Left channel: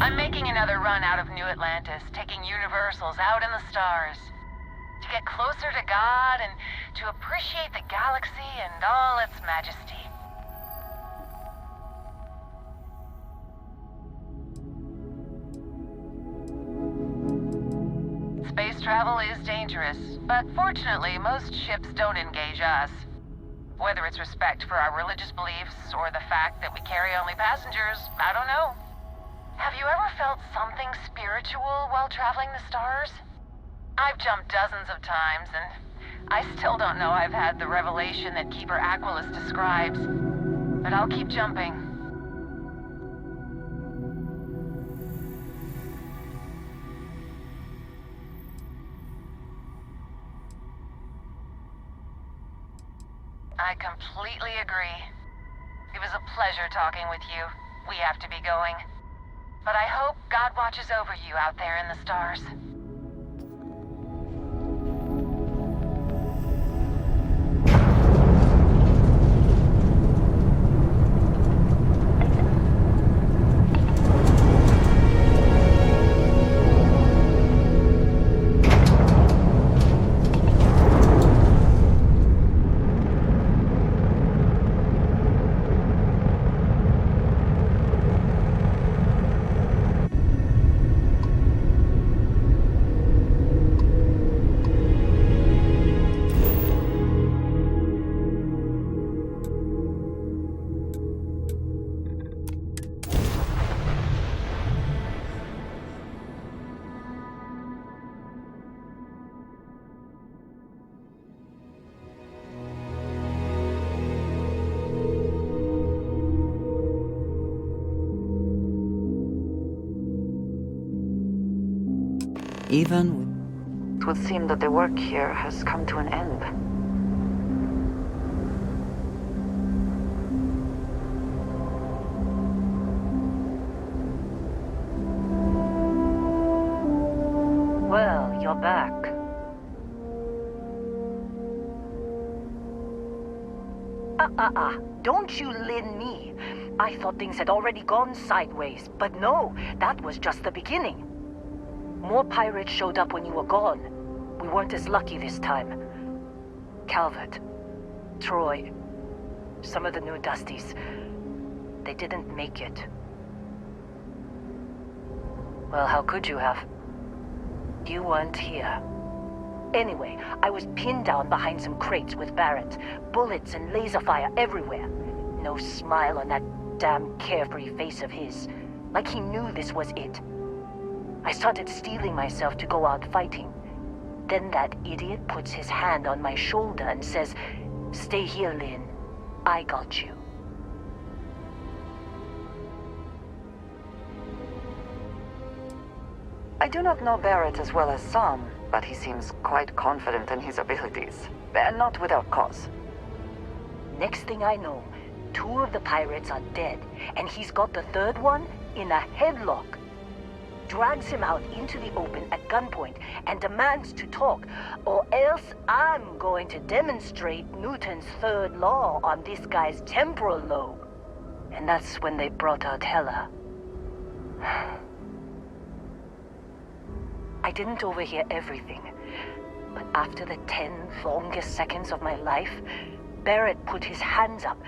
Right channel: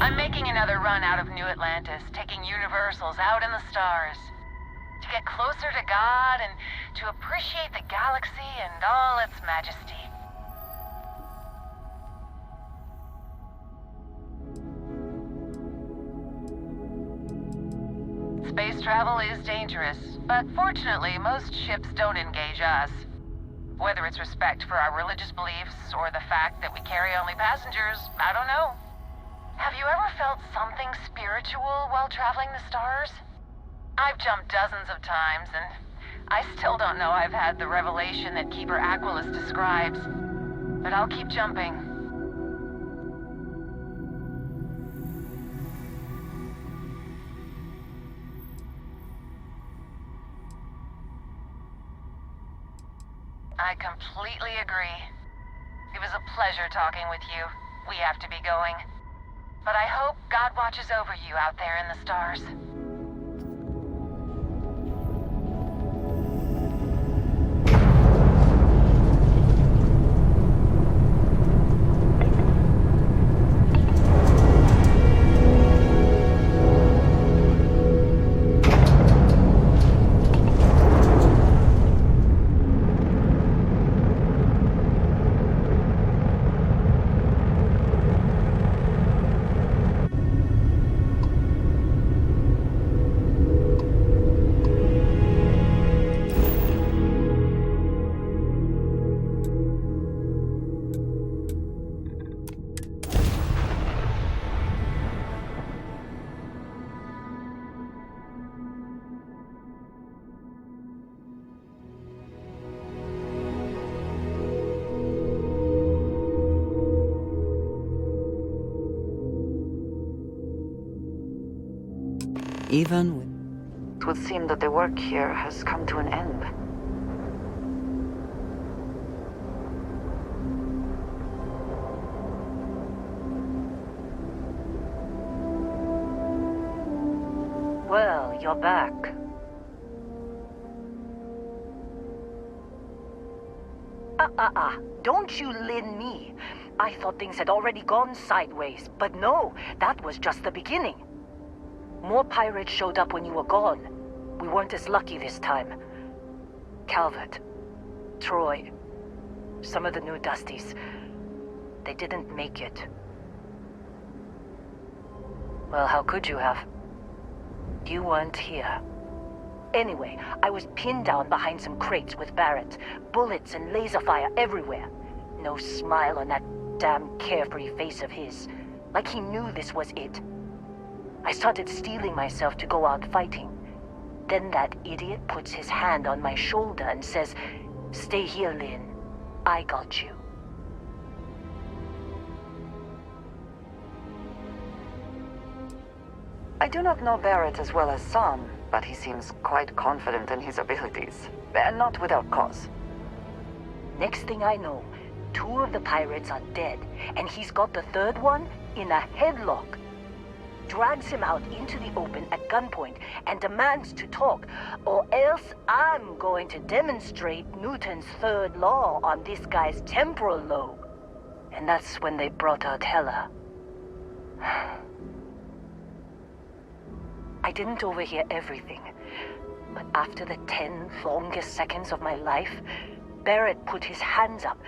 I'm making another run out of New Atlantis, taking universals out in the stars. To get closer to God and to appreciate the galaxy and all its majesty. Space travel is dangerous, but fortunately most ships don't engage us. Whether it's respect for our religious beliefs or the fact that we carry only passengers, I don't know. Have you ever felt something spiritual while traveling the stars? I've jumped dozens of times, and I still don't know I've had the revelation that Keeper Aquilus describes. But I'll keep jumping. I completely agree. It was a pleasure talking with you. We have to be going. But I hope God watches over you out there in the stars. Even with... It would seem that the work here has come to an end. Well, you're back. Don't you lin me. I thought things had already gone sideways, but no, that was just the beginning. More pirates showed up when you were gone. We weren't as lucky this time. Calvert, Troy, some of the new Dusties, they didn't make it. Well, how could you have? You weren't here. Anyway, I was pinned down behind some crates with Barrett. Bullets and laser fire everywhere. No smile on that damn carefree face of his. Like he knew this was it. I started steeling myself to go out fighting. Then that idiot puts his hand on my shoulder and says, "Stay here, Lynn. I got you." I do not know Barrett as well as some, but he seems quite confident in his abilities. And not without cause. Next thing I know, 2 of the pirates are dead, and he's got the 3rd one in a headlock. Drags him out into the open at gunpoint and demands to talk, or else I'm going to demonstrate Newton's 3rd law on this guy's temporal lobe. And that's when they brought out Hela. I didn't overhear everything, but after the 10 longest seconds of my life, Barrett put his hands up,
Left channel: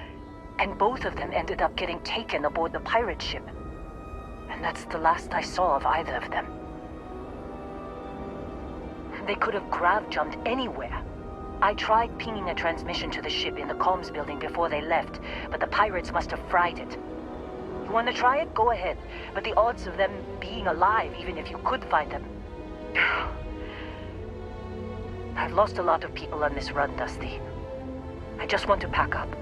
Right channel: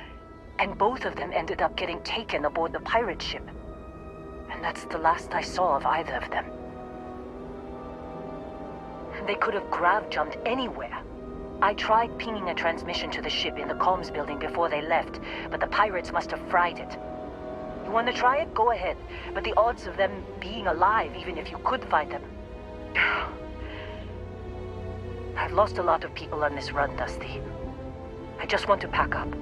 and both of them ended up getting taken aboard the pirate ship. And that's the last I saw of either of them. They could have grav-jumped anywhere. I tried pinging a transmission to the ship in the comms building before they left, but the pirates must have fried it. You want to try it? Go ahead. But the odds of them being alive, even if you could find them... I've lost a lot of people on this run, Dusty. I just want to pack up.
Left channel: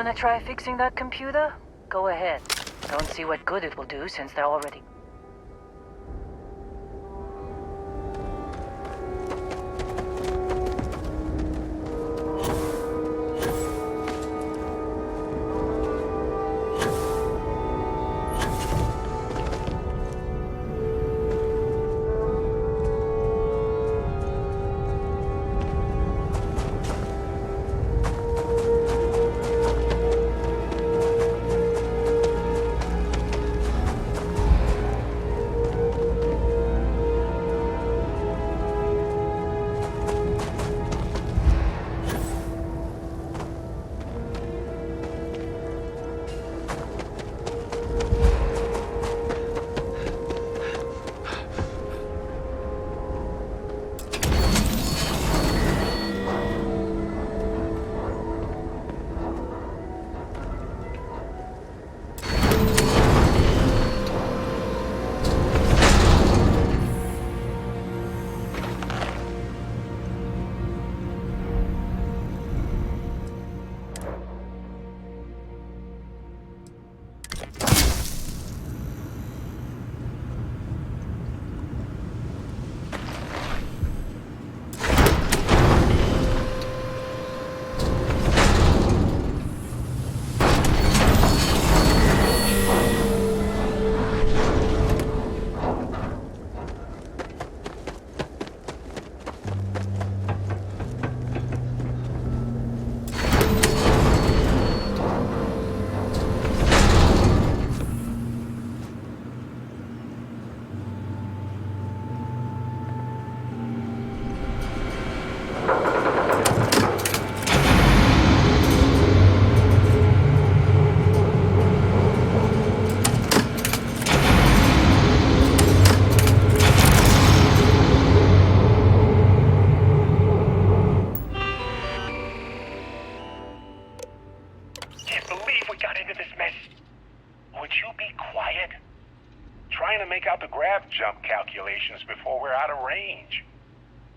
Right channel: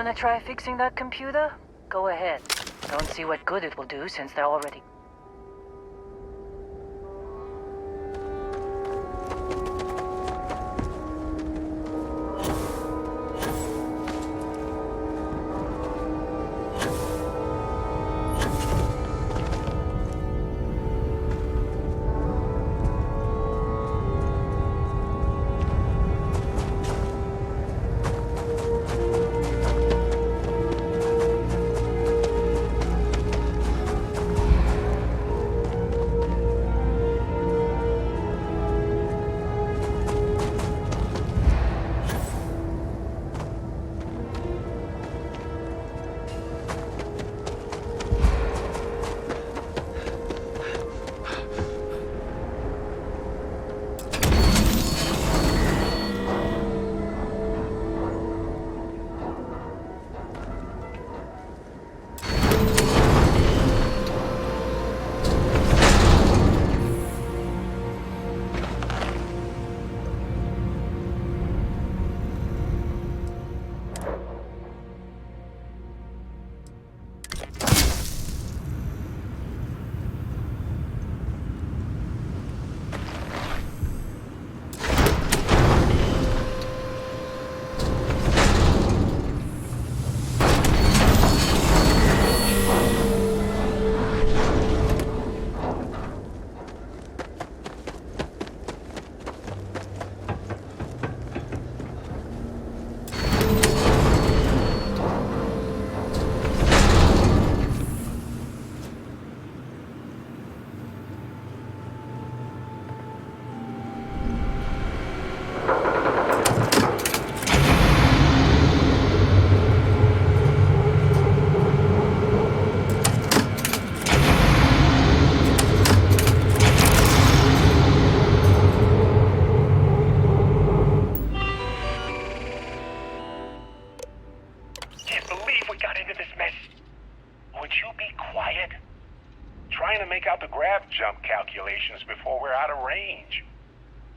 Wanna try fixing that computer? Go ahead. Don't see what good it will do since they're already... Jump calculations before we're out of range.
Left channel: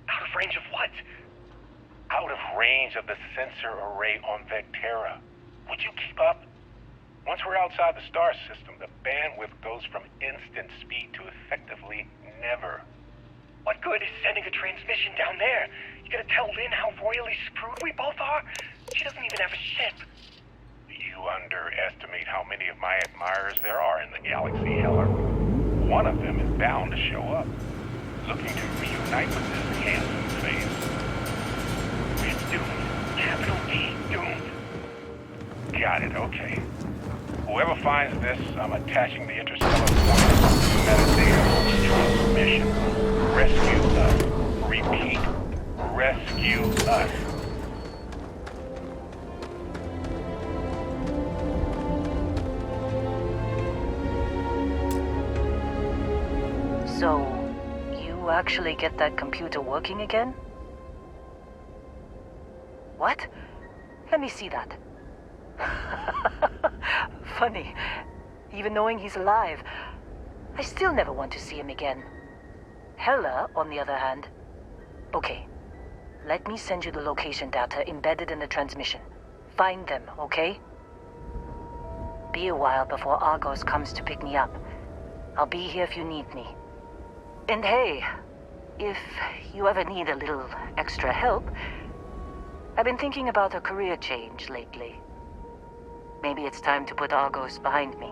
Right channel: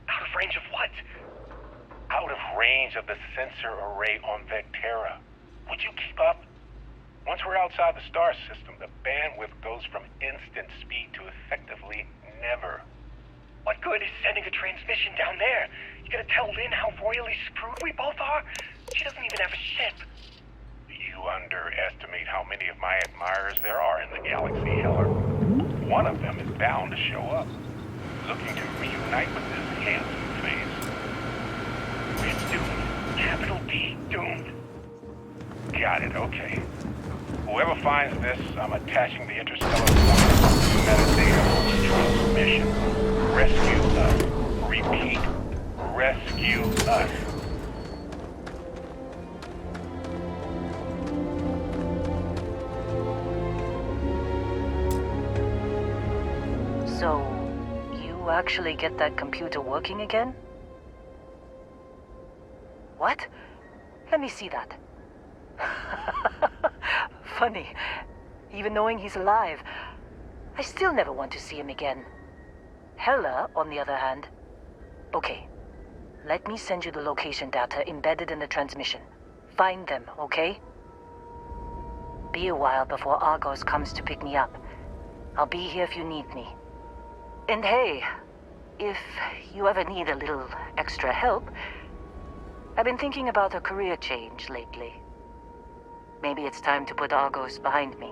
Out of range of what? Out of range of the sensor array on Vectera. Would you keep up? Once we're outside the star system, the bandwidth goes from instant speed to effectively never. What good is sending a transmission down there? You gonna tell Lynn how royally screwed we both are? She doesn't even have a ship. You underestimate how many of my admirers there are in the galaxy, Heller. One of them is bound to show up, looking to reunite with this handsome face. We're doomed. Capital D, doomed. Got it, okay. Whoever finds this, I'm attaching the interstellar point metadata for the transmission. Rescue us. Repeat. Rescue us. So, you actually get that computer working again? What? Let me see that. Funny. Even knowing he's alive, I still never want to see him again. Hella, on the other hand. Okay. Let me send you the location data embedded in the transmission. Find them, okay? Be a while before Argos comes to pick me up. I'll be here if you need me. And hey, if you ever need a little extra help, I've been thinking about a career change lately. Maybe it's time to put Argos behind me.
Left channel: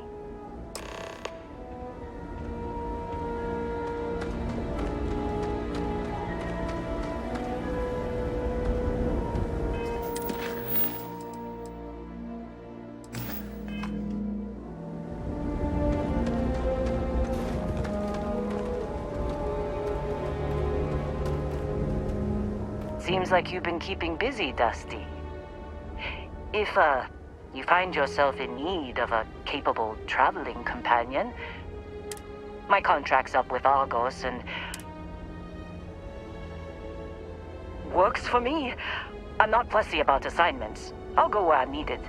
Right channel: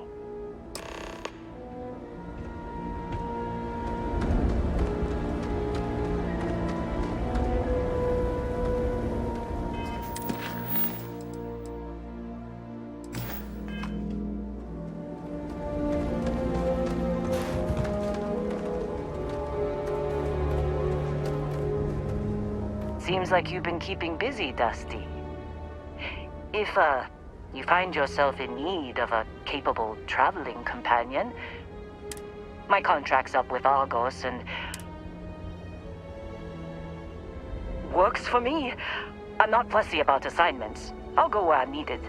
Seems like you've been keeping busy, Dusty. If, you find yourself in need of a capable traveling companion, my contract's up with Argos and... works for me. I'm not fussy about assignments. I'll go where I'm needed.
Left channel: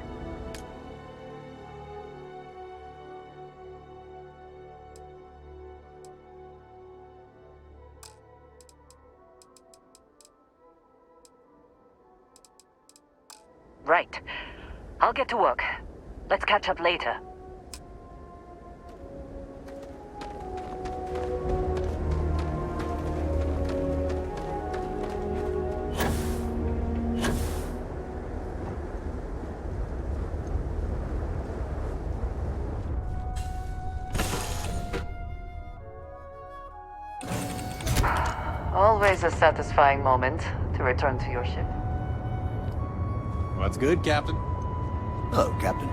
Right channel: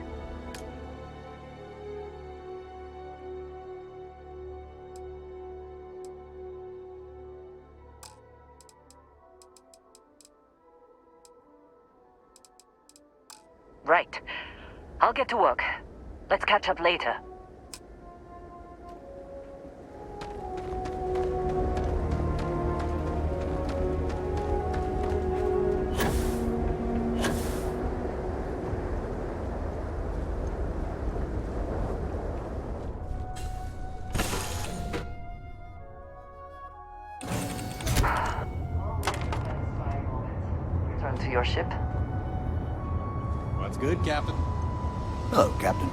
Right. I'll get to work. Let's catch up later. Always a satisfying moment to return to your ship. What's good, Captain? Hello, Captain.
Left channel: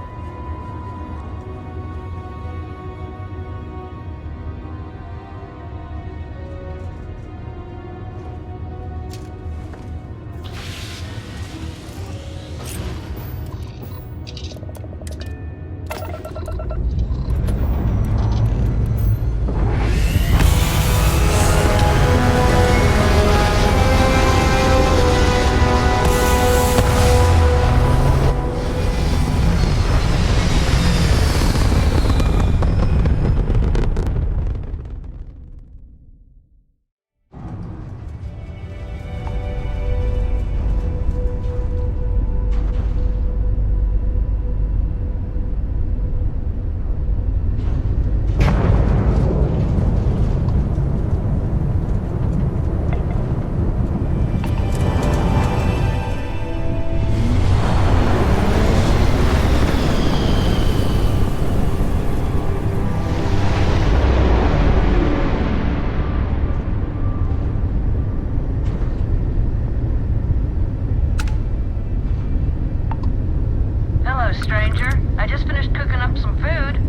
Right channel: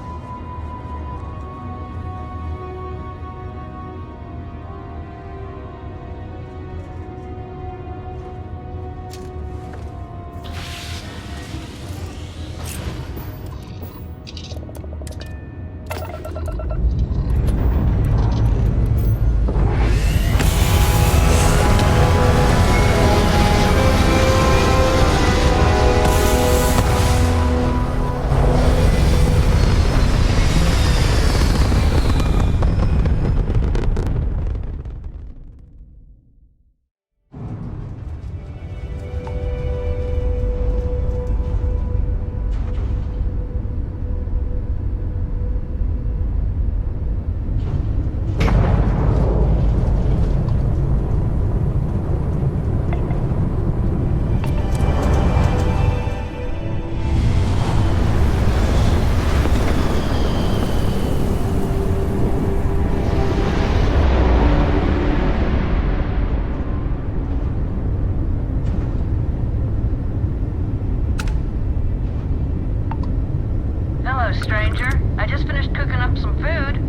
Stranger. I just finished cooking up some food.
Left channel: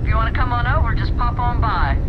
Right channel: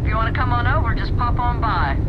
If you want to come on over, just pop on by.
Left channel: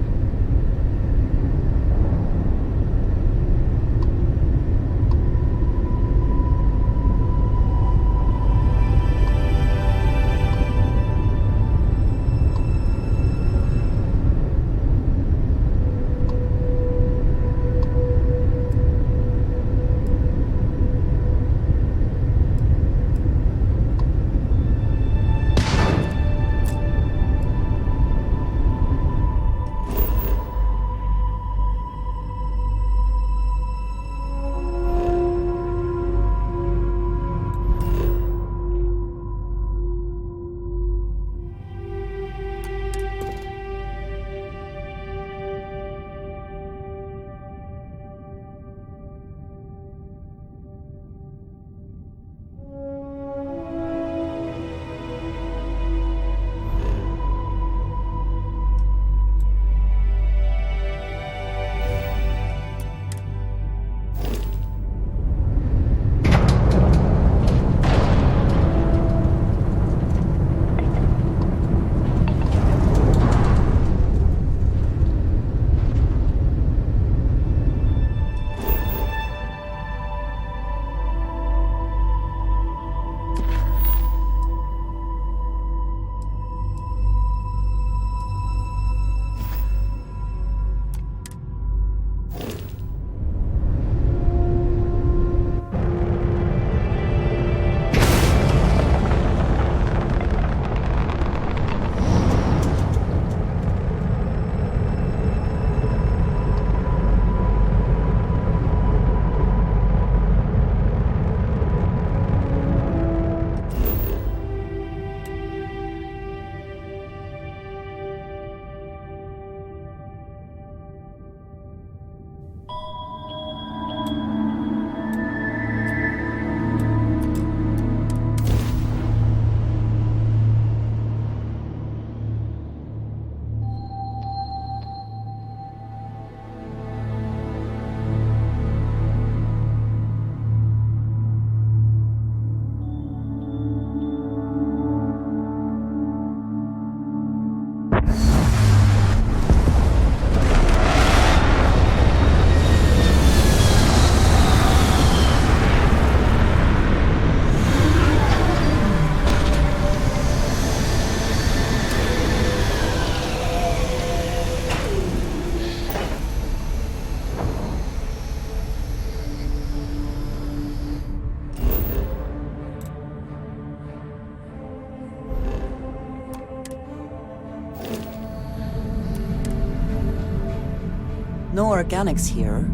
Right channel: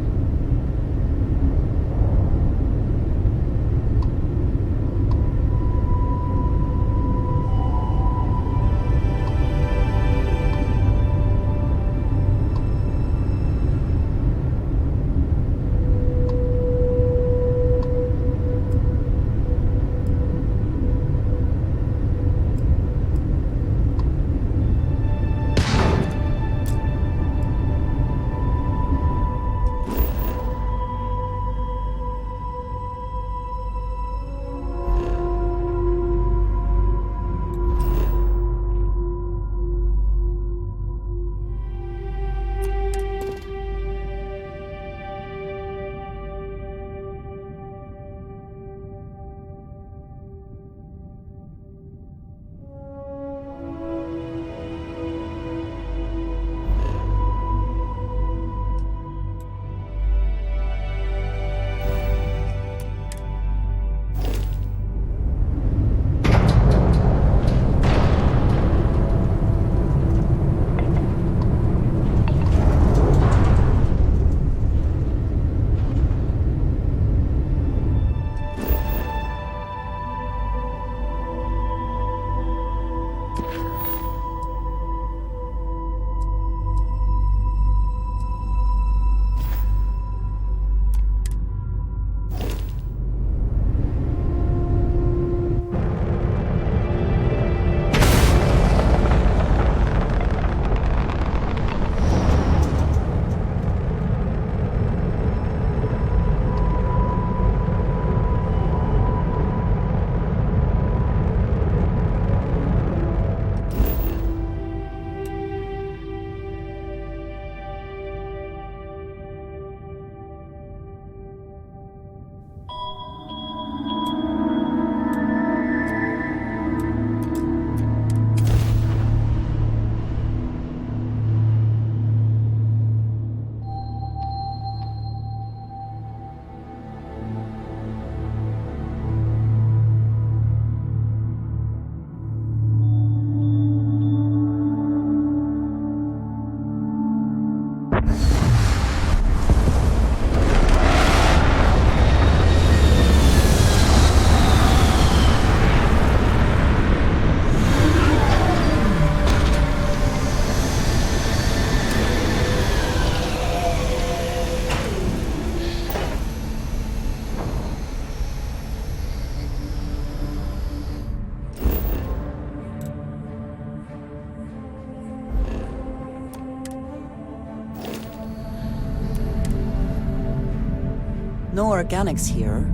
No organics here.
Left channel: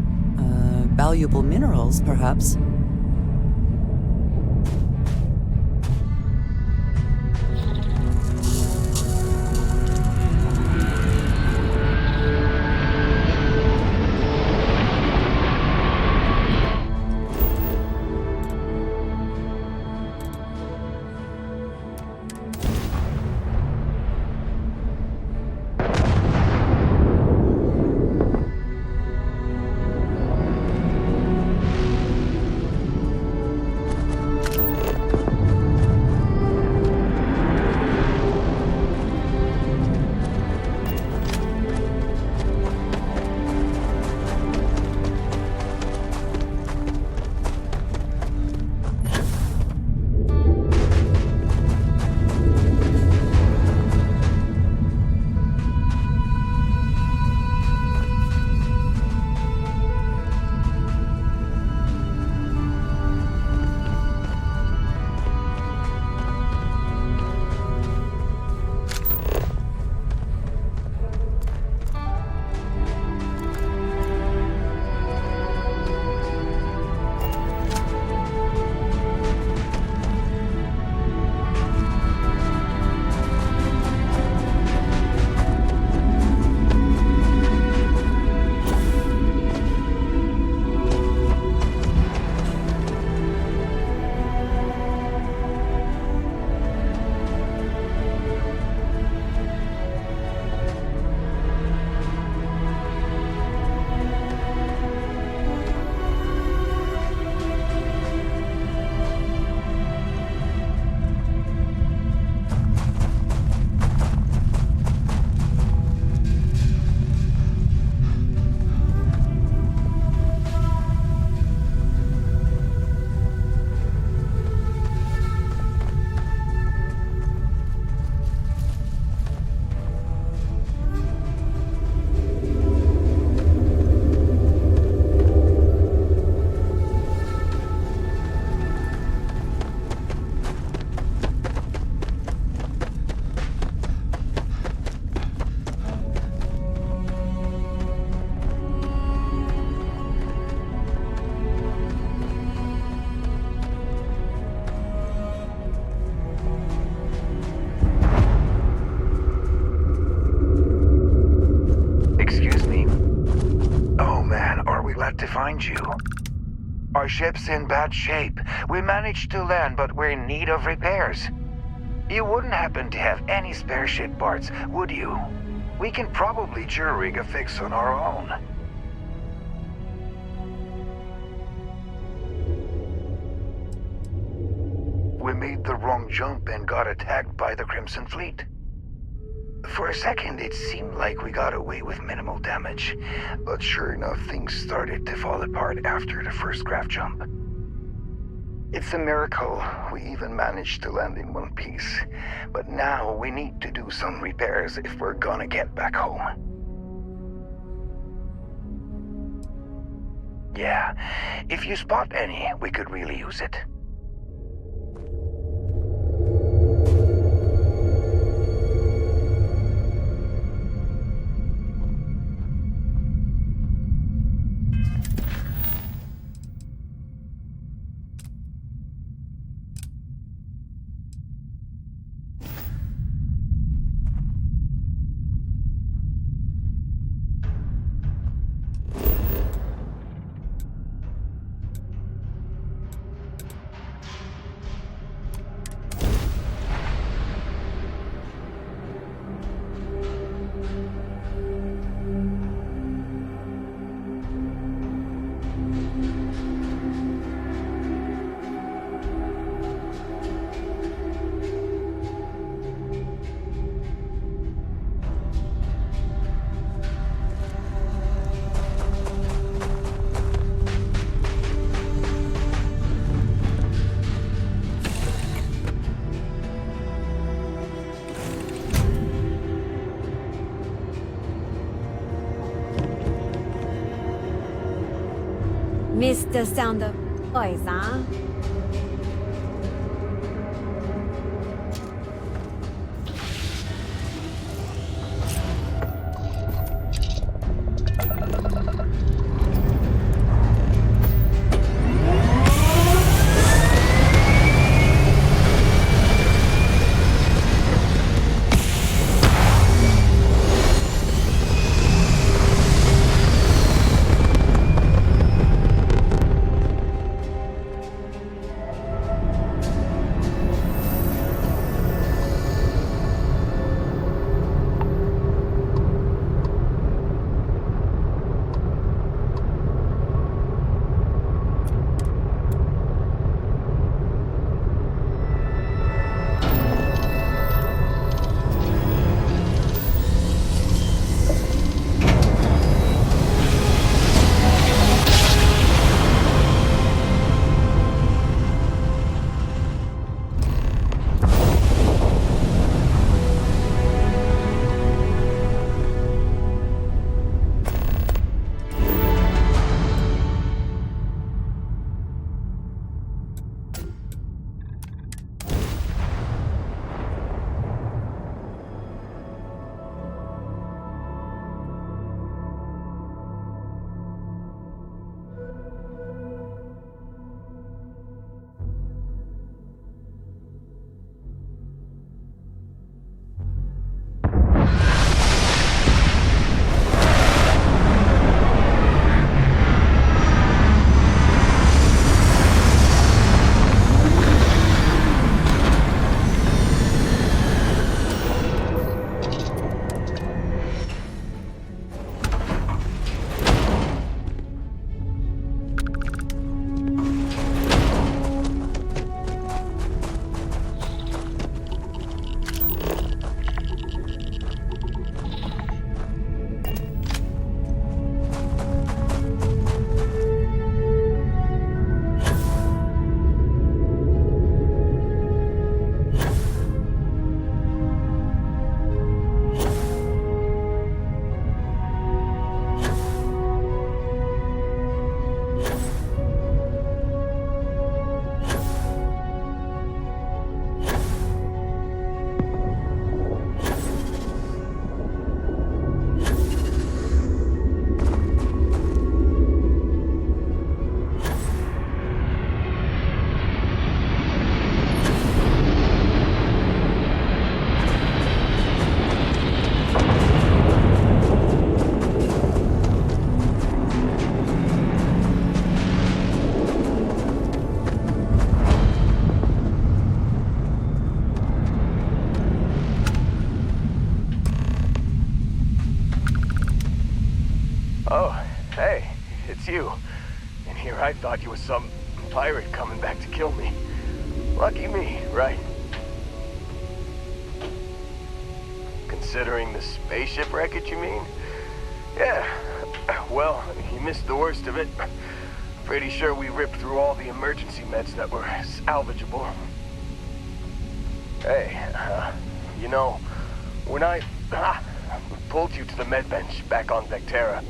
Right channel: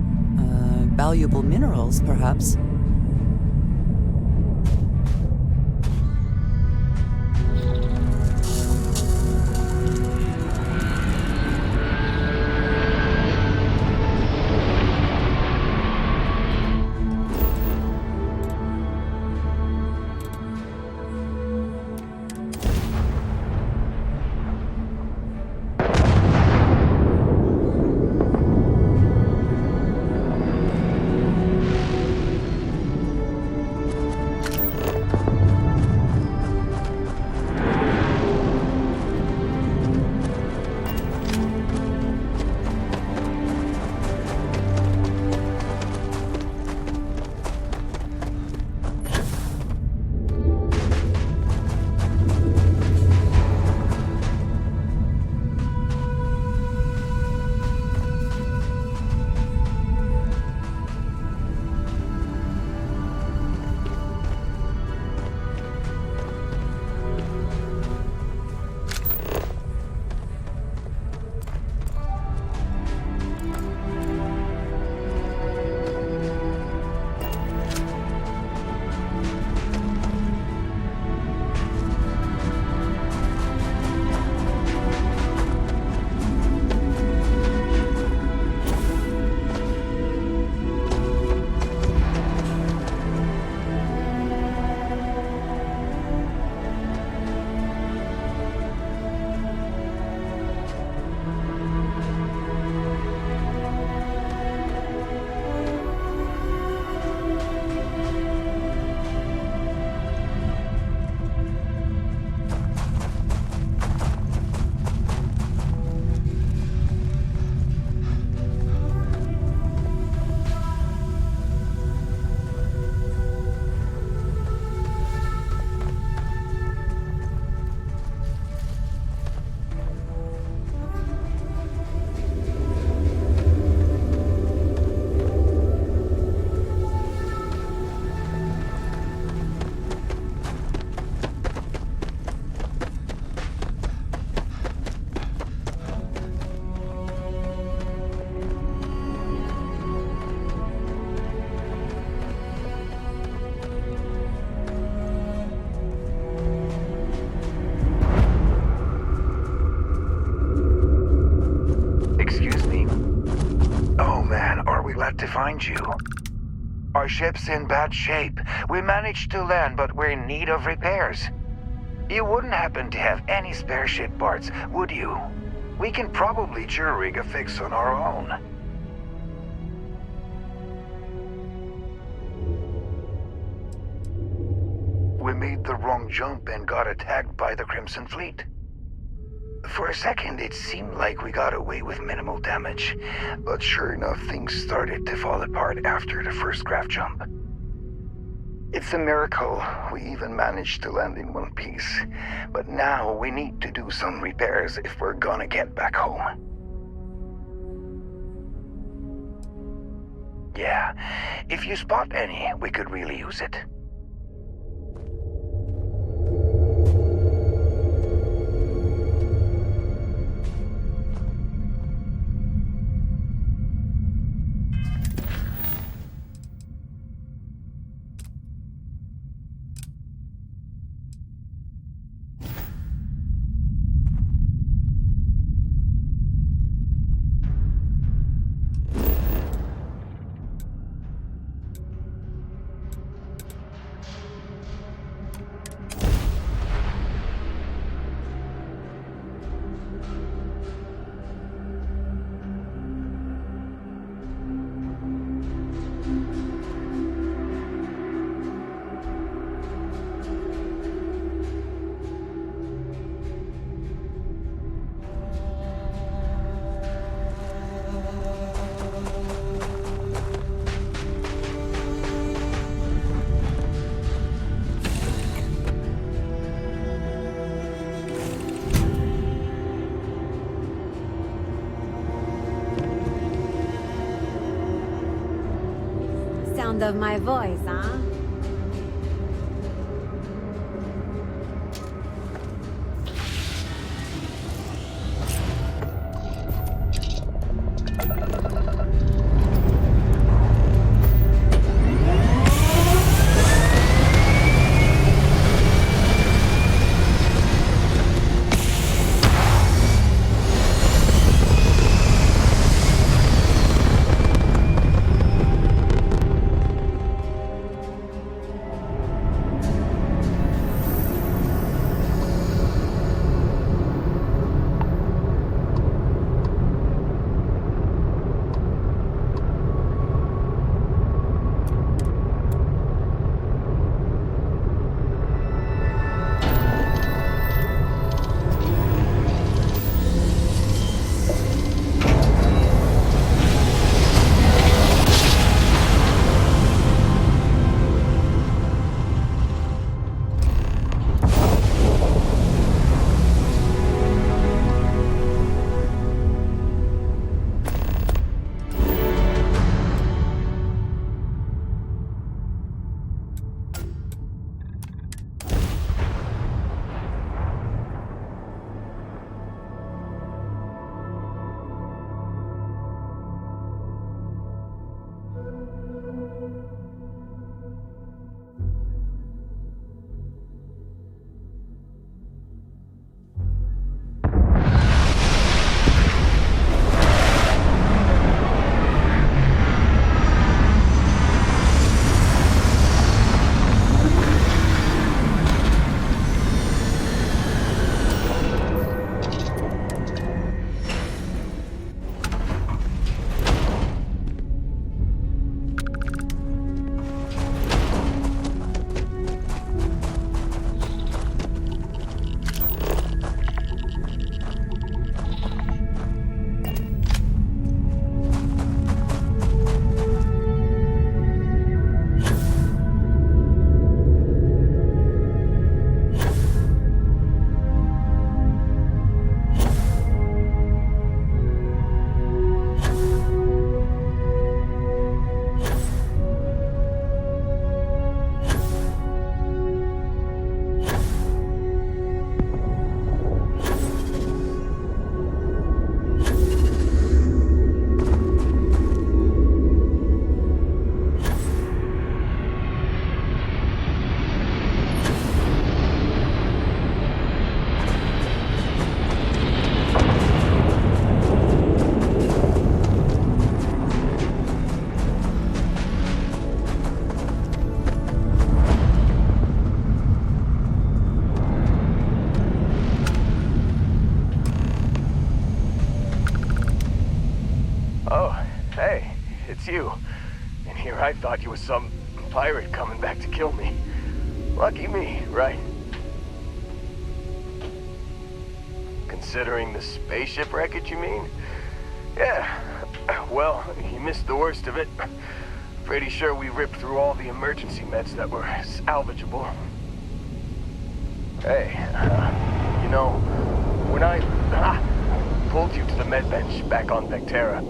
Valuable minerals, perhaps. to find you. Our ship's in bad shape. We managed to land, but we're in need of repairs. You wouldn't happen to have any spare ship parts, would you? We can probably jury-rig a fix on our own. We made the wrong jump and got attacked by the Crimson Fleet. For a second, it seemed like we got away with minimal damage, but sure enough, things started to fall apart after the first craft jump. It's a miracle we even managed to land in one piece, but now we need to do some repairs if we're gonna get back home. Yeah, if you spot any, we could really use it. Missed the sound of my voice, huh? Oh, hey, it's you. And here I thought you were some pirate coming back to kill me. Lucky me, right? Considering the spaceship wreckage, you mean? Yeah, well, you missed the worst of it. Pretty sure we ripped through all the emergency meds that were salvageable. Hey, you know, when I pulled you to the med bench back on Vectera,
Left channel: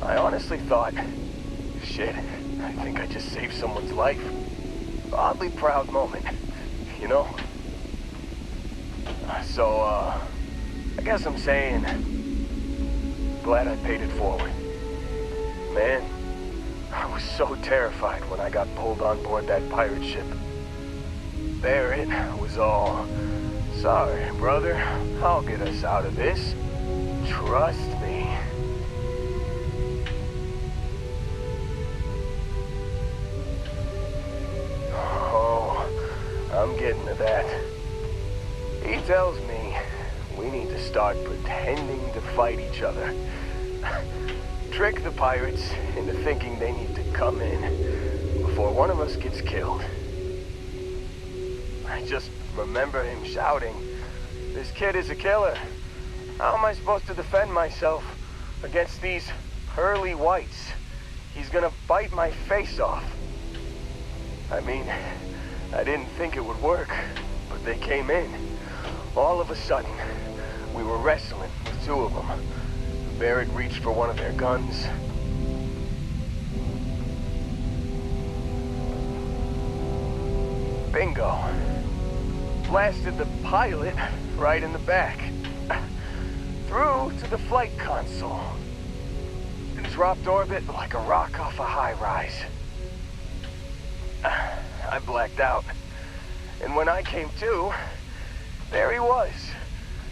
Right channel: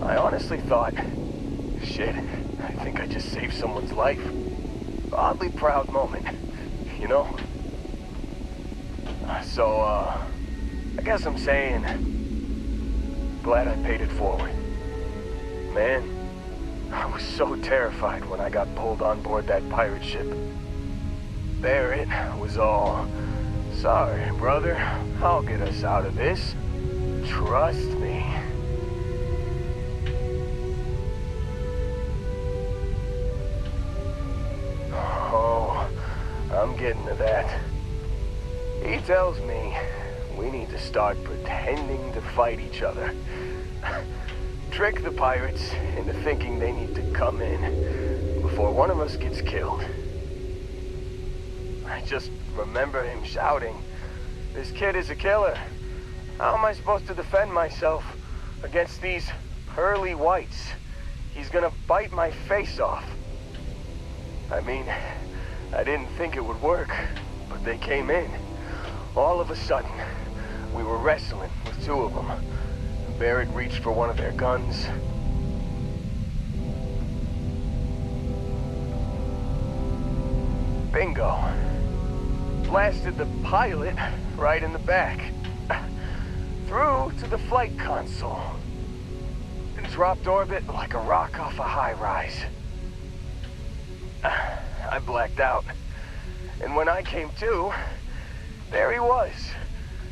I honestly thought, shit, I think I just saved someone's life. Oddly proud moment, you know? So, I guess I'm saying, glad I paid it forward. Man, I was so terrified when I got pulled on board that pirate ship. There it was all, sorry, brother, I'll get us out of this. Trust me. Oh, I'm getting to that. He tells me we need to start pretending to fight each other. Trick the pirates into thinking they need to come in before one of us gets killed. I just remember him shouting, "This kid is a killer. How am I supposed to defend myself against these pearly whites? He's gonna bite my face off." I mean, I didn't think it would work, but they came in. All of a sudden, we were wrestling with two of them. Barrett reached for one of their guns. Bingo. Blasted the pilot right in the back. Through to the flight console. Dropped orbit like a rock off a high-rise. I blacked out. And when I came to, there he was,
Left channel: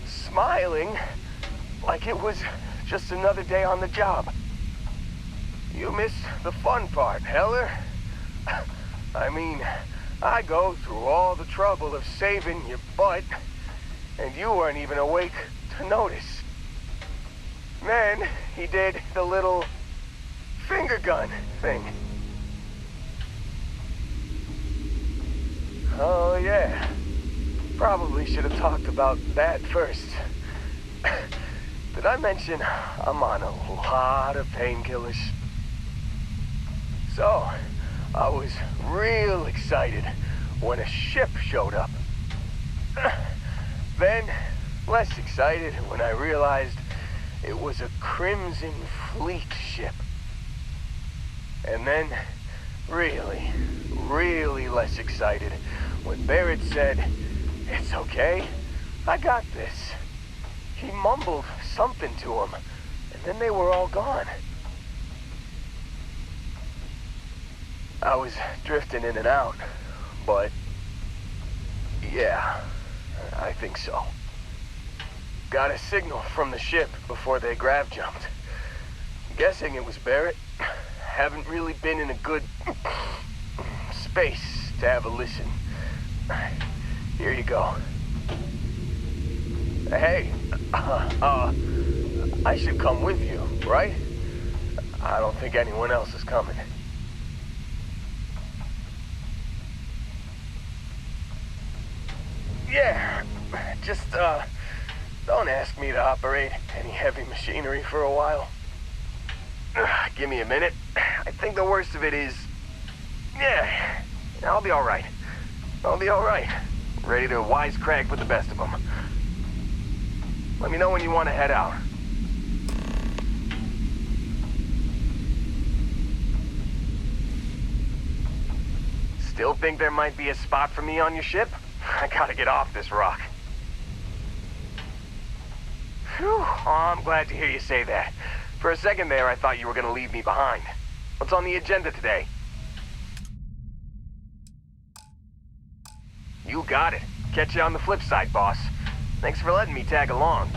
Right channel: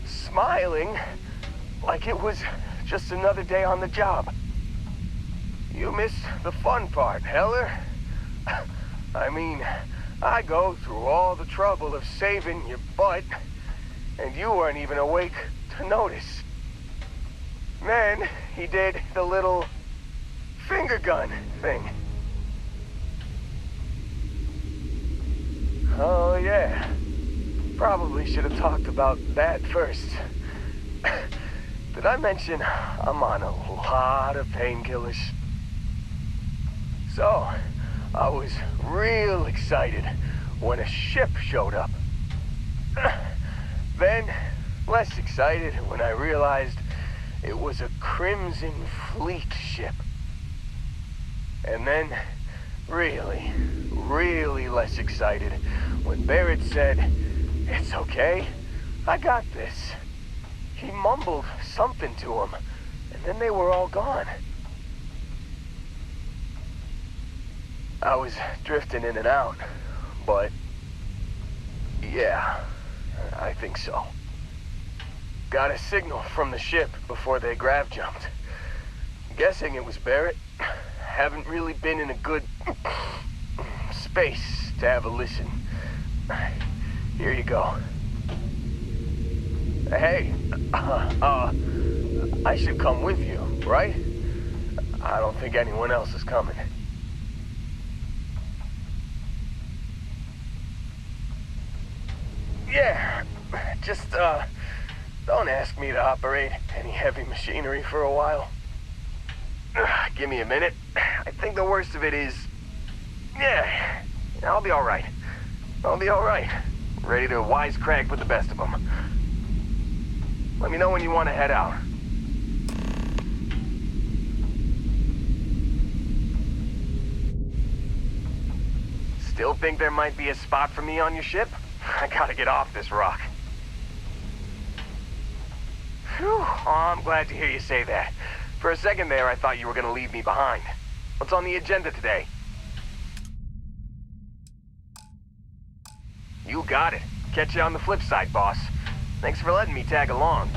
smiling like it was just another day on the job. You missed the fun part, Heller. I mean, I go through all the trouble of saving your butt, and you weren't even awake to notice. Then he did the little finger gun thing. Oh yeah, probably should have talked about that first. Did I mention I'm on a lot of painkillers? So, I was real excited when a ship showed up. Then, less excited when I realized it was a Crimson Fleet ship. And then, really, really less excited when Barrett said, "It's okay, I got this." He mumbled something to him, and then they were all gone. I was drifting in and out, but yeah, I think so. Got a signal from the ship before they grav jumped. Guessing it was Barrett. Haven't really been in a good space to have a listen. Here you go. Hey, I should come with you, right? I don't think anyone else is coming. Yeah, just, don't ask me to operate any heavy machinery for a while. Give me a minute. I think the worst of it is, yeah, I'll be all right. I'll be all right. Ready to wisecrack with the best of them. Let me know when you want to head out. Still think there might be a spot for me on your ship? I gotta get off this rock. Whew. Oh, I'm glad to hear you say that. For a second there, I thought you were gonna leave me behind. What's on the agenda today? You got it. Catch you on the flip side, boss. Thanks for letting me tag along.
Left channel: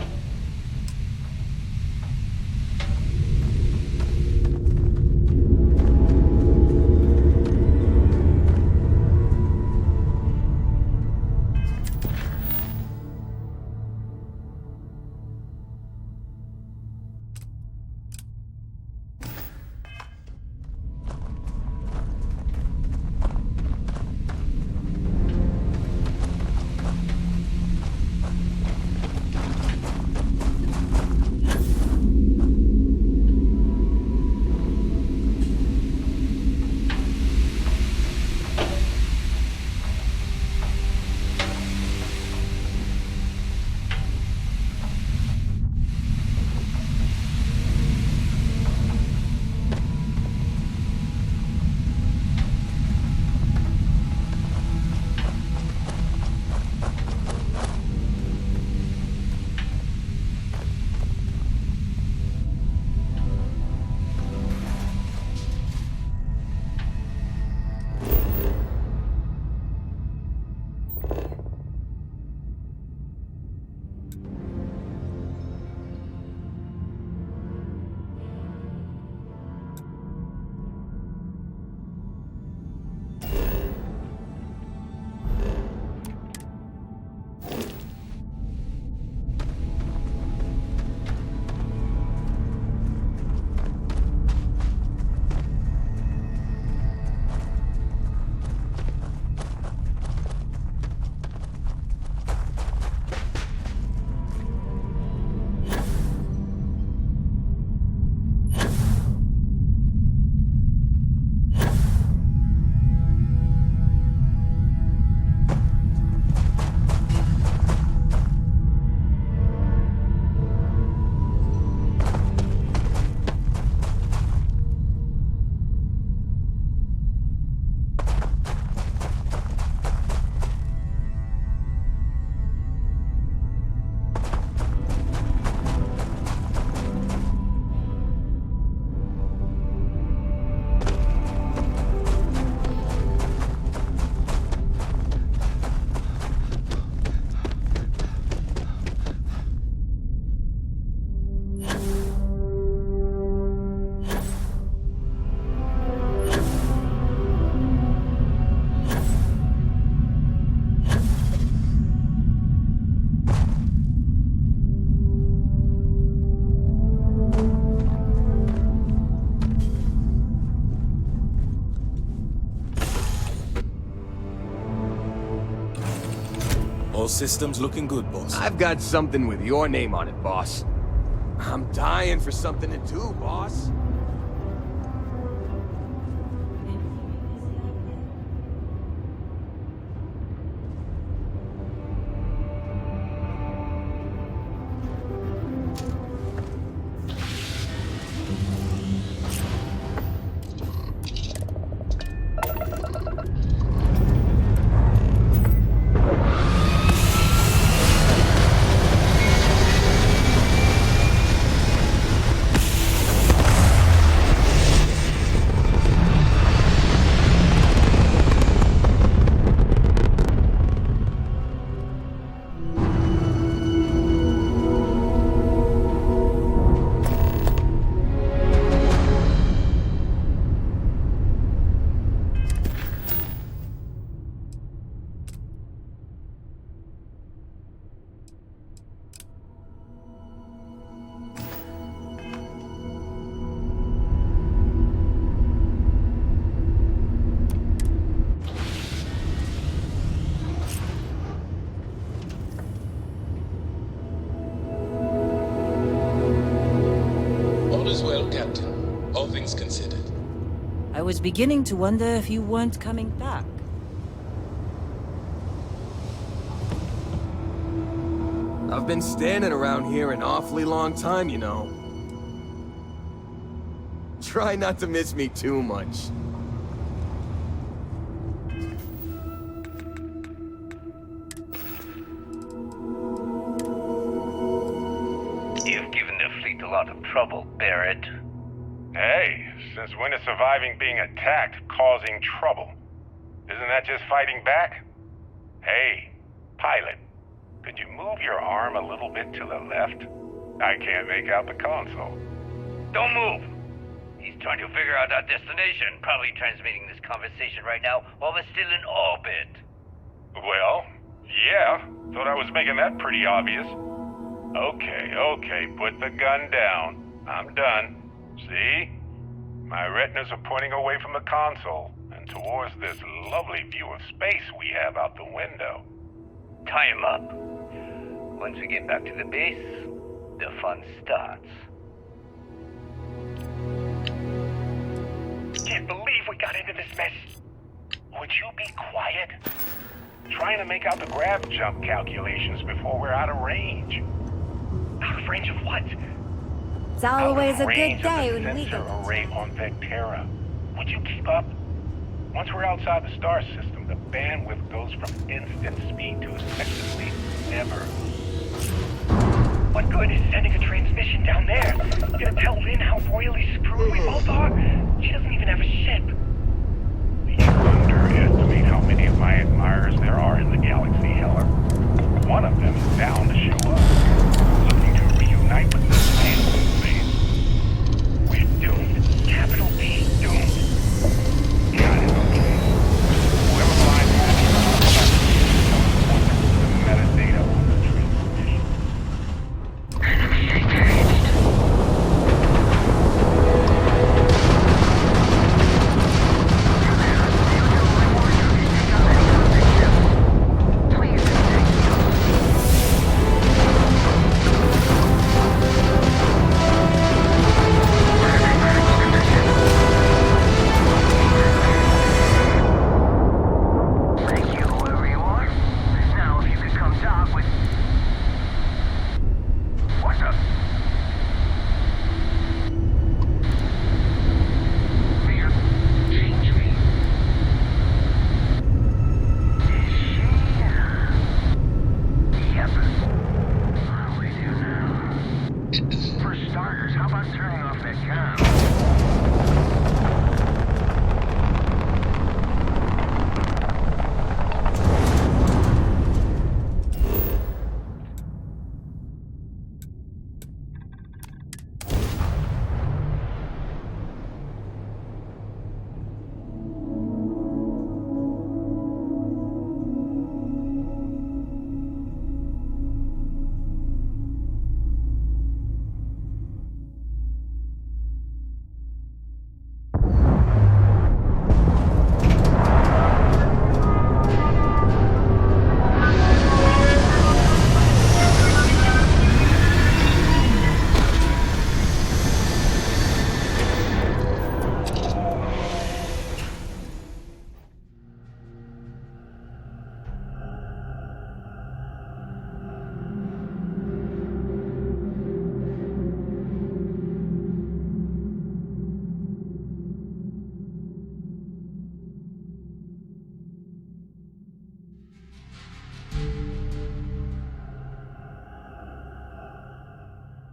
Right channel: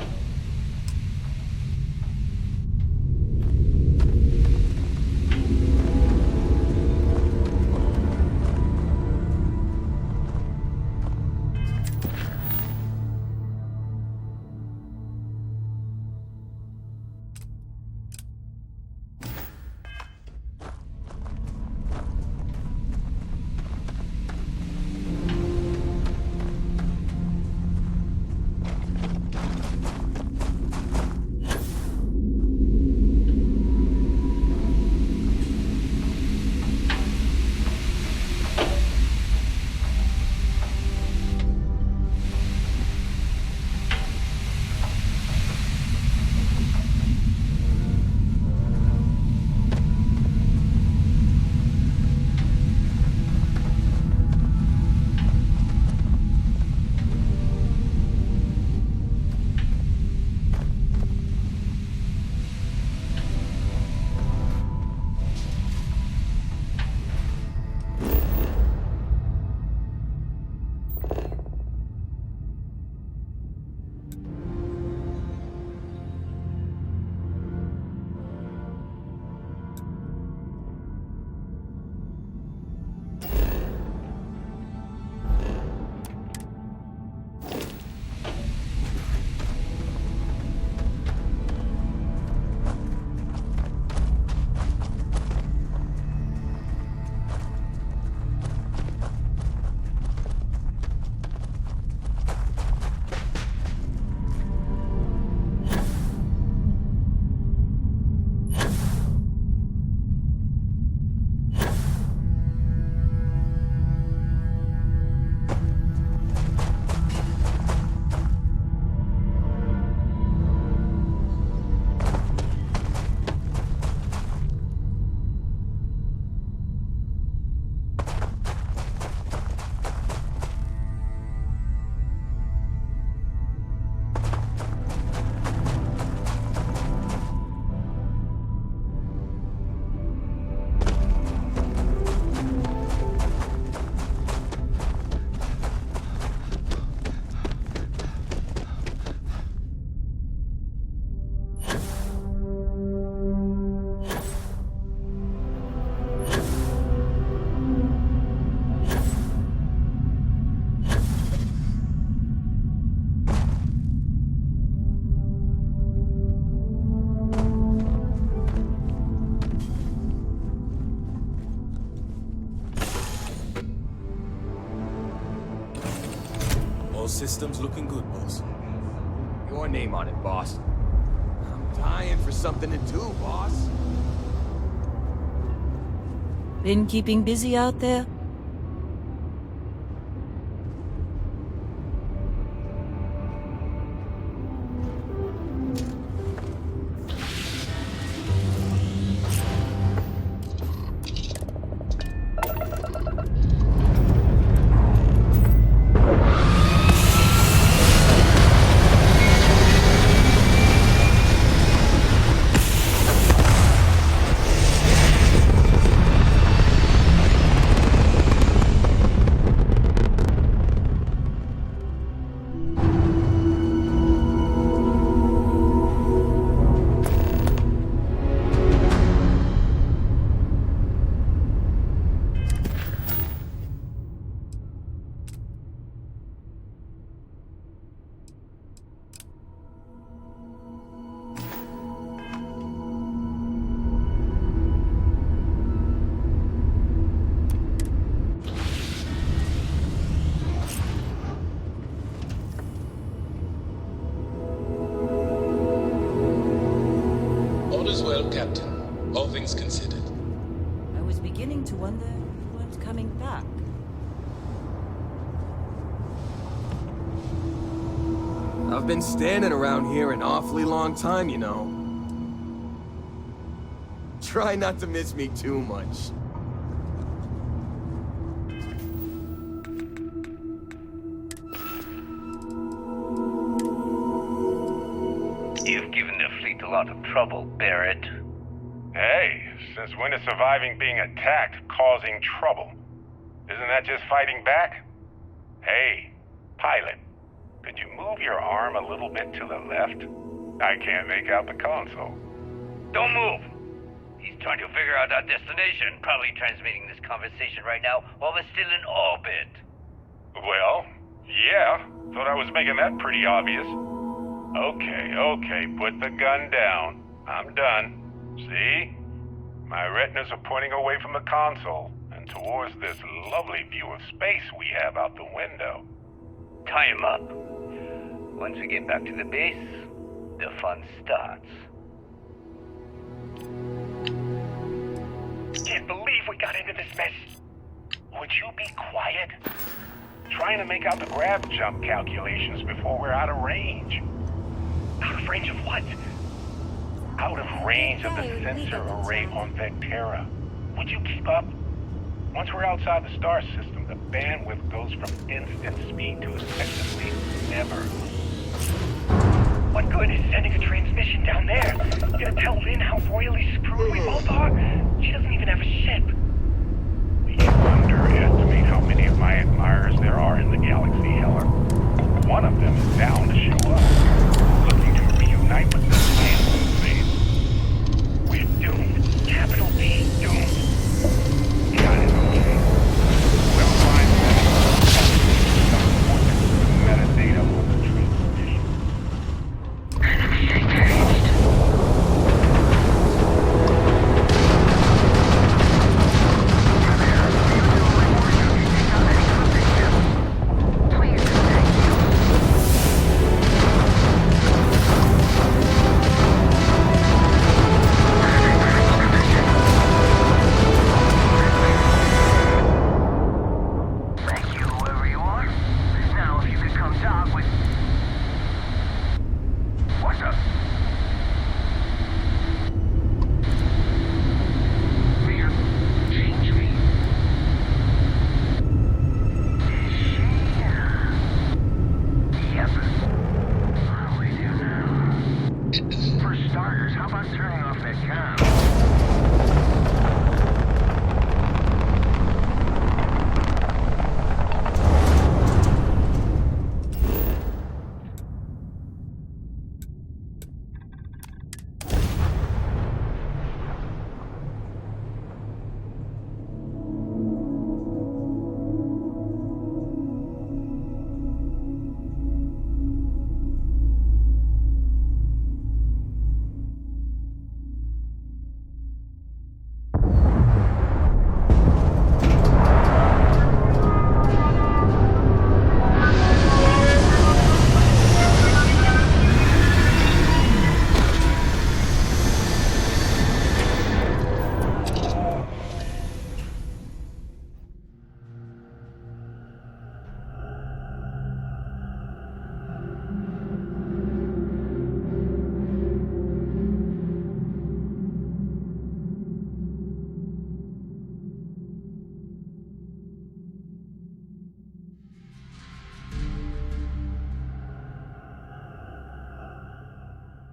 system's looking good, boss. I've got something with your name on it, boss. I'm dying for something to do, boss. Been keeping busy out there? All is well, Captain. All things considered. I was beginning to wonder if you weren't coming back. I've been standing around here an awfully long time, you know. Try not to miss me too much. You've given the fleet a lot of trouble, Barrett. Hey, since when is surviving being attacked causing trouble? Isn't that just fighting back? Hey, pilot, could you move your arm a little bit to the left? I can't make out the console. Don't move! He's trying to figure out our destination. Probably transmitting this conversation right now while we're still in orbit. Well, yeah. Thought I was making that pretty obvious. Okay, put the gun down. I'm done. See? My retinas are pointing away from the console and towards this lovely view of space we have out the window. Tie him up. Once we get back to the base, the fun starts. Can't believe we got into this mess. Would you be quiet? Trying to make out the grab jump calculations before we're out of range. Out of range of what? It's always a good range of day the when we sensor get array on Vectera. Would you keep up? Once we're outside the star system, the bandwidth goes from instant speed to effectively never. What good is sending a transmission down there? You gonna tell Lynn how royally screwed we both are? She doesn't even have a ship. You underestimate how many of my admirers there are in the galaxy, Heller. One of them is bound to show up, looking to reunite with this man in space. We're doomed. Capital D, doomed. Got it, okay. Whoever finds this has to be some points to the metadata on the transmission. Enemy engaged. Please, thank you.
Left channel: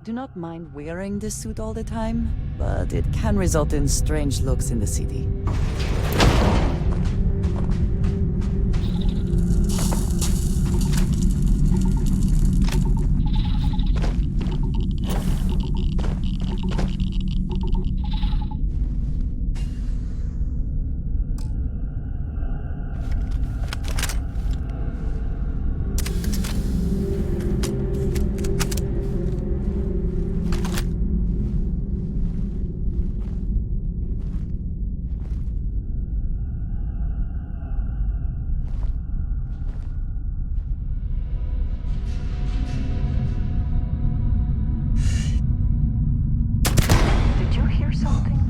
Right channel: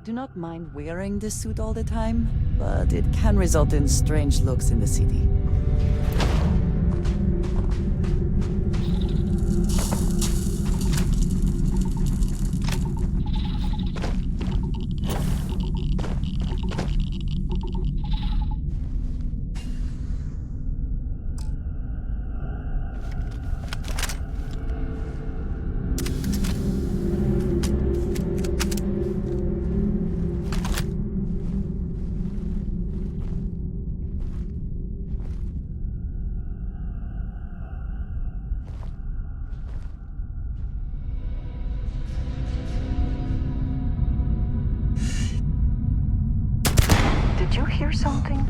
do not mind wearing this suit all the time, but it can result in strange looks in the city. Did you hear something?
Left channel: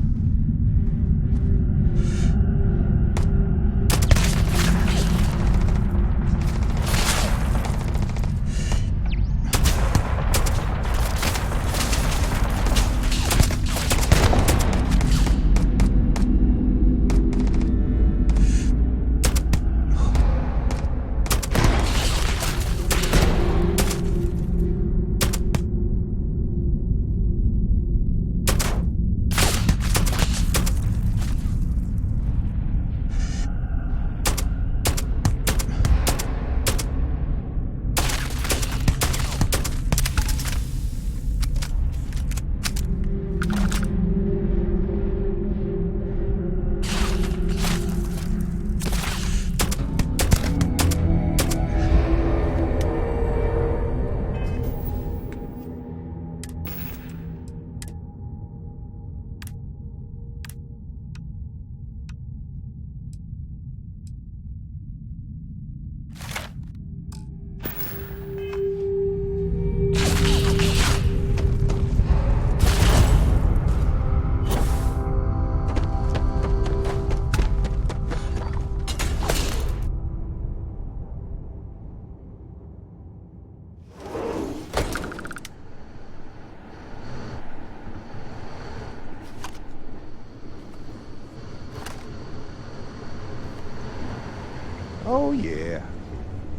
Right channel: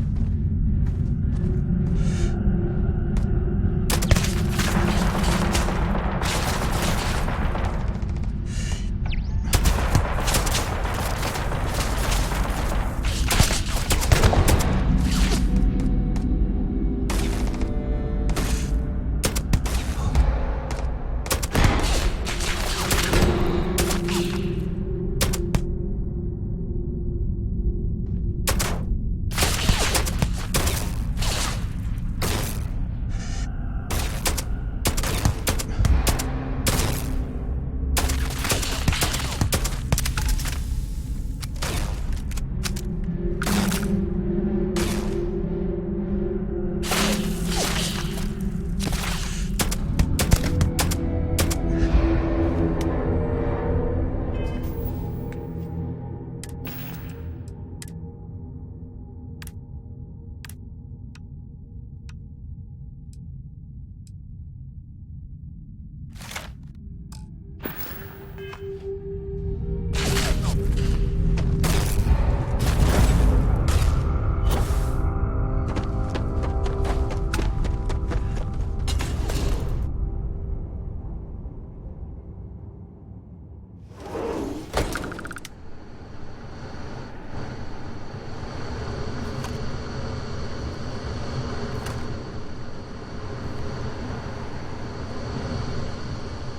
Oh, yeah.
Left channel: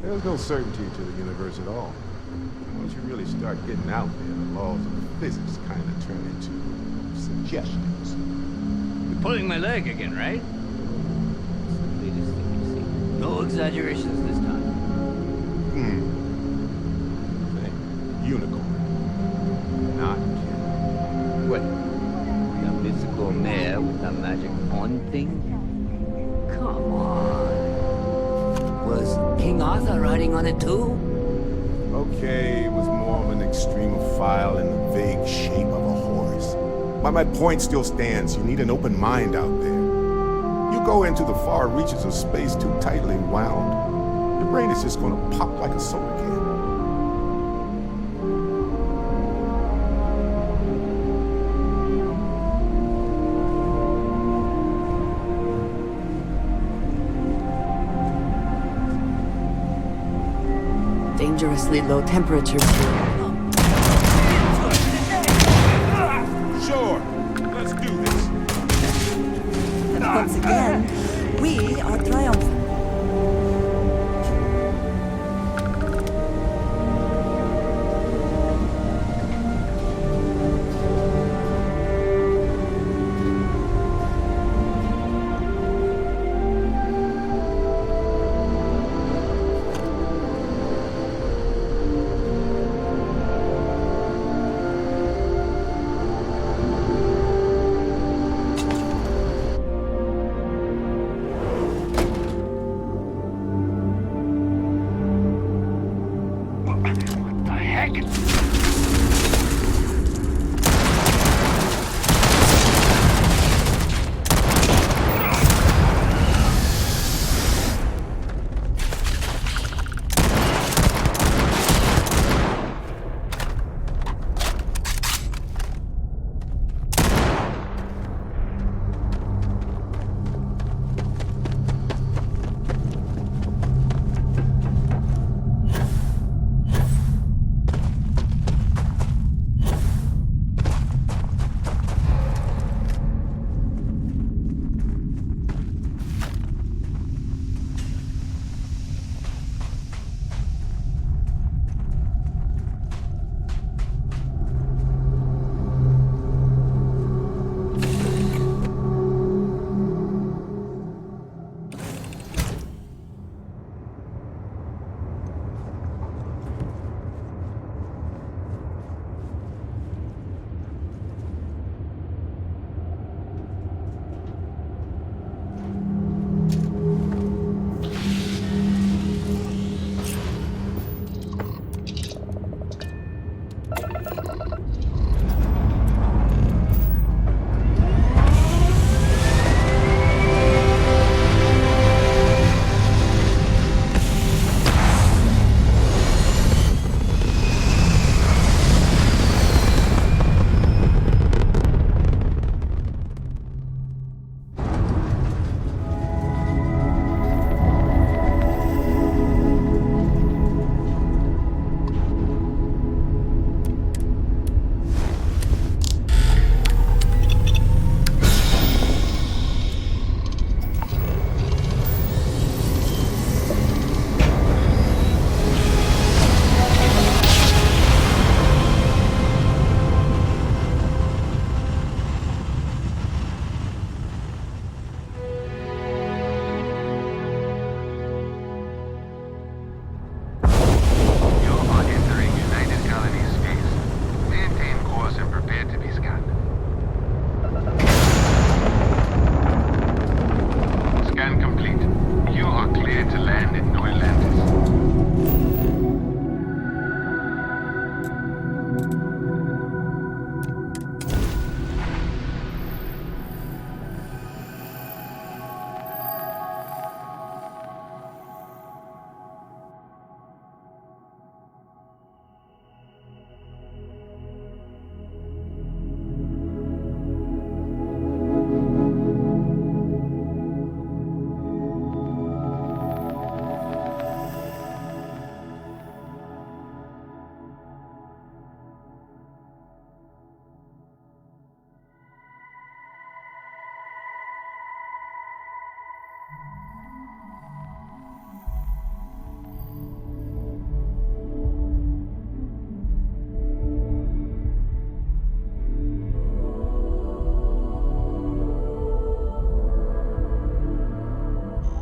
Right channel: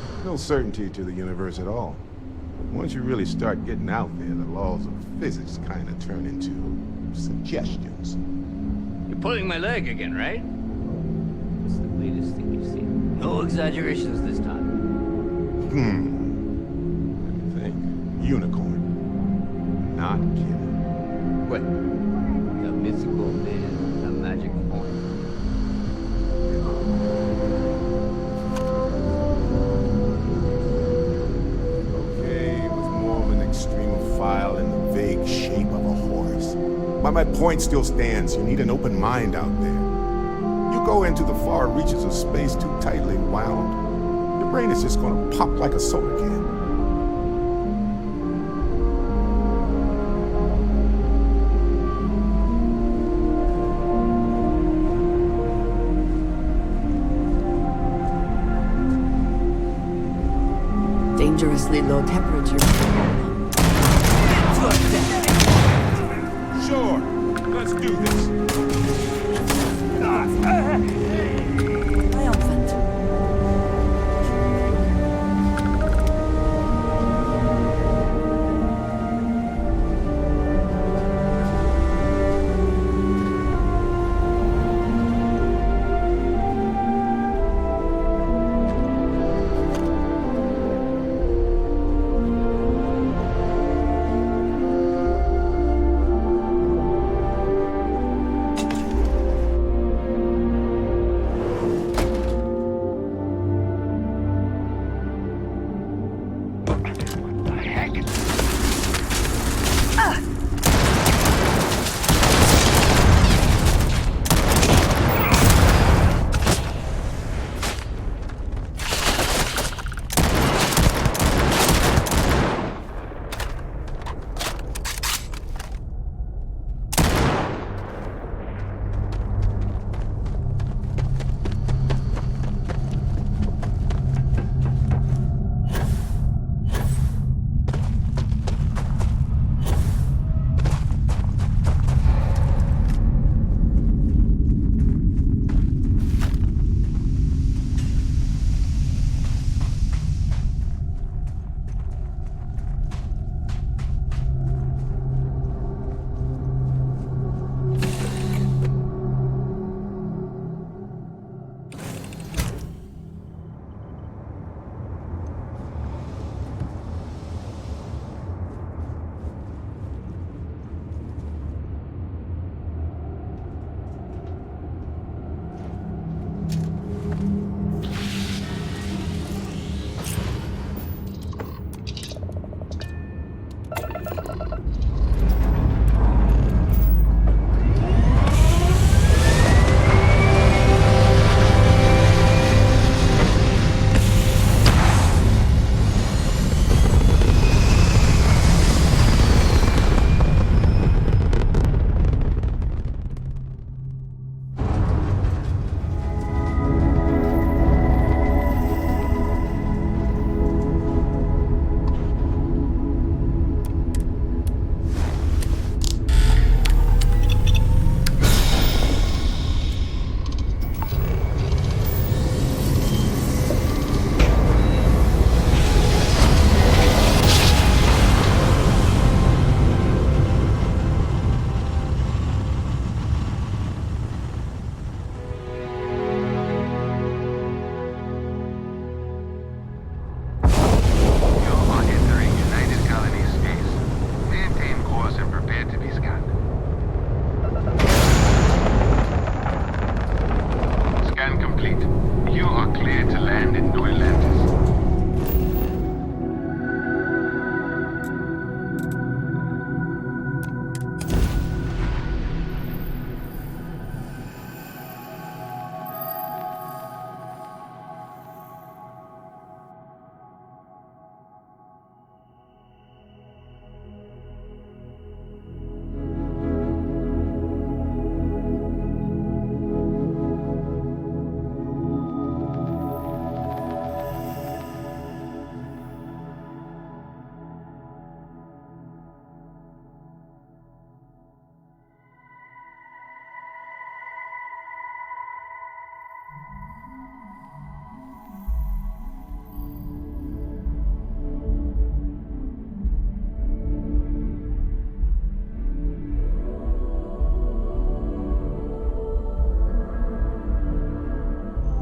There's no certainty to the universe at all. Once you really start getting out there, the laws of physics kind of turn into suggestions. You're pulling my leg again, right? It's the latest thing you've seen. No exaggerations this time. Think. Unicorn. Not kidding. What? The mythical mare with the magic horn thing? Come on. Was King Arthur riding on it too? Okay, it was more of an extremophile in the vague shape of a horse. But my point still stands. You need an open mind out there. You go into the far reaches of space too tightly wound, your brain is just gonna pop like a soda can. Dangerously low temperatures. Sure, let's do this. And once again, we are triumphant.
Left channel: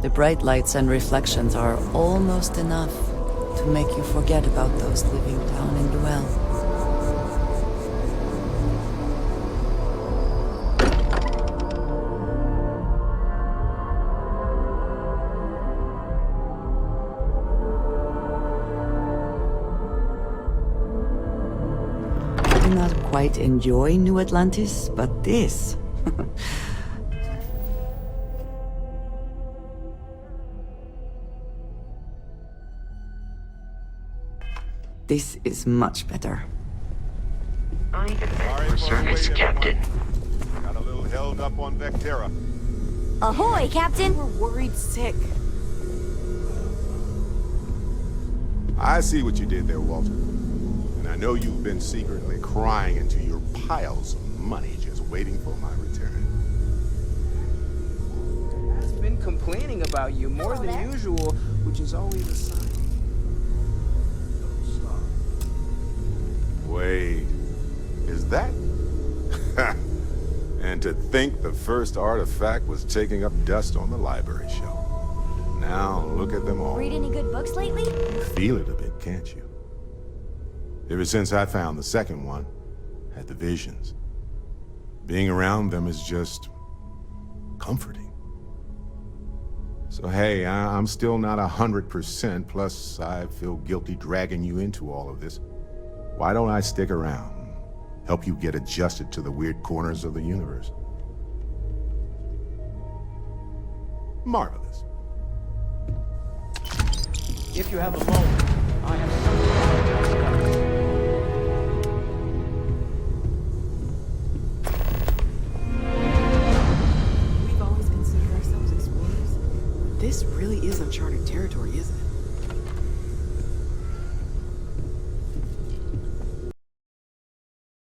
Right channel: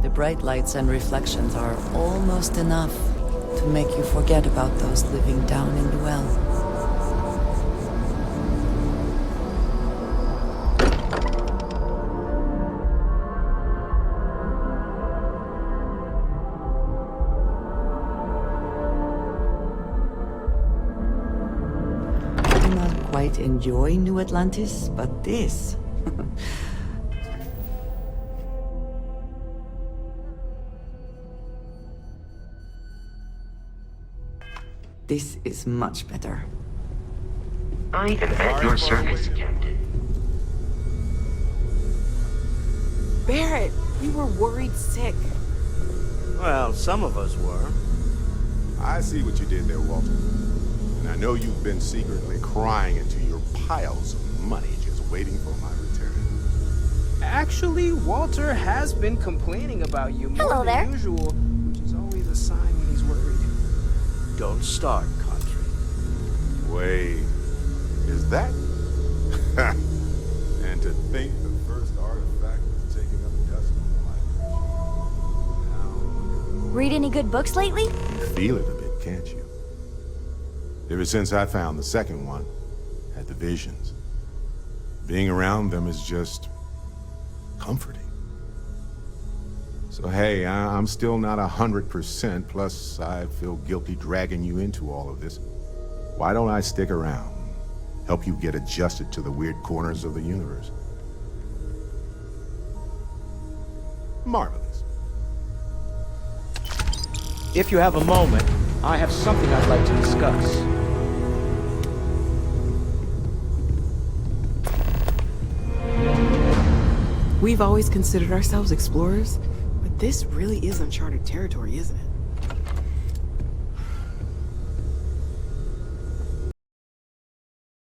The bright lights and reflections are almost enough to make you forget about those living down in the well. I do not quite enjoy New Atlantis, but this... This is much better. I am at your service, Captain. Got a little held up on Vectera. Ahoy, Captain! We were worried sick. Well, some of us were. I see what you did there, Walter. And I know you've been secretly crying into your piles of money just waiting for my return. Actually, Walter has been complaining about you more than usual, which is always a sign he's worried. Don't start, country. Wait, is that? And to think the first artifact was taking up dust on the library shelf. Now look at them all. Read any good books lately? You feel it a bit, can't you? Ever since I found the second one, had the visions. Being around them is just comforting. So hey, I'm still not 100%, plus I feel guilty dragging you into all of this. Why don't I stick around? Help you get adjusted to the weird corners of the universe. Marvelous. If you have a moment, I have something I'd like to discuss. We've always considered ourselves explorers, but this really is uncharted territory, isn't it?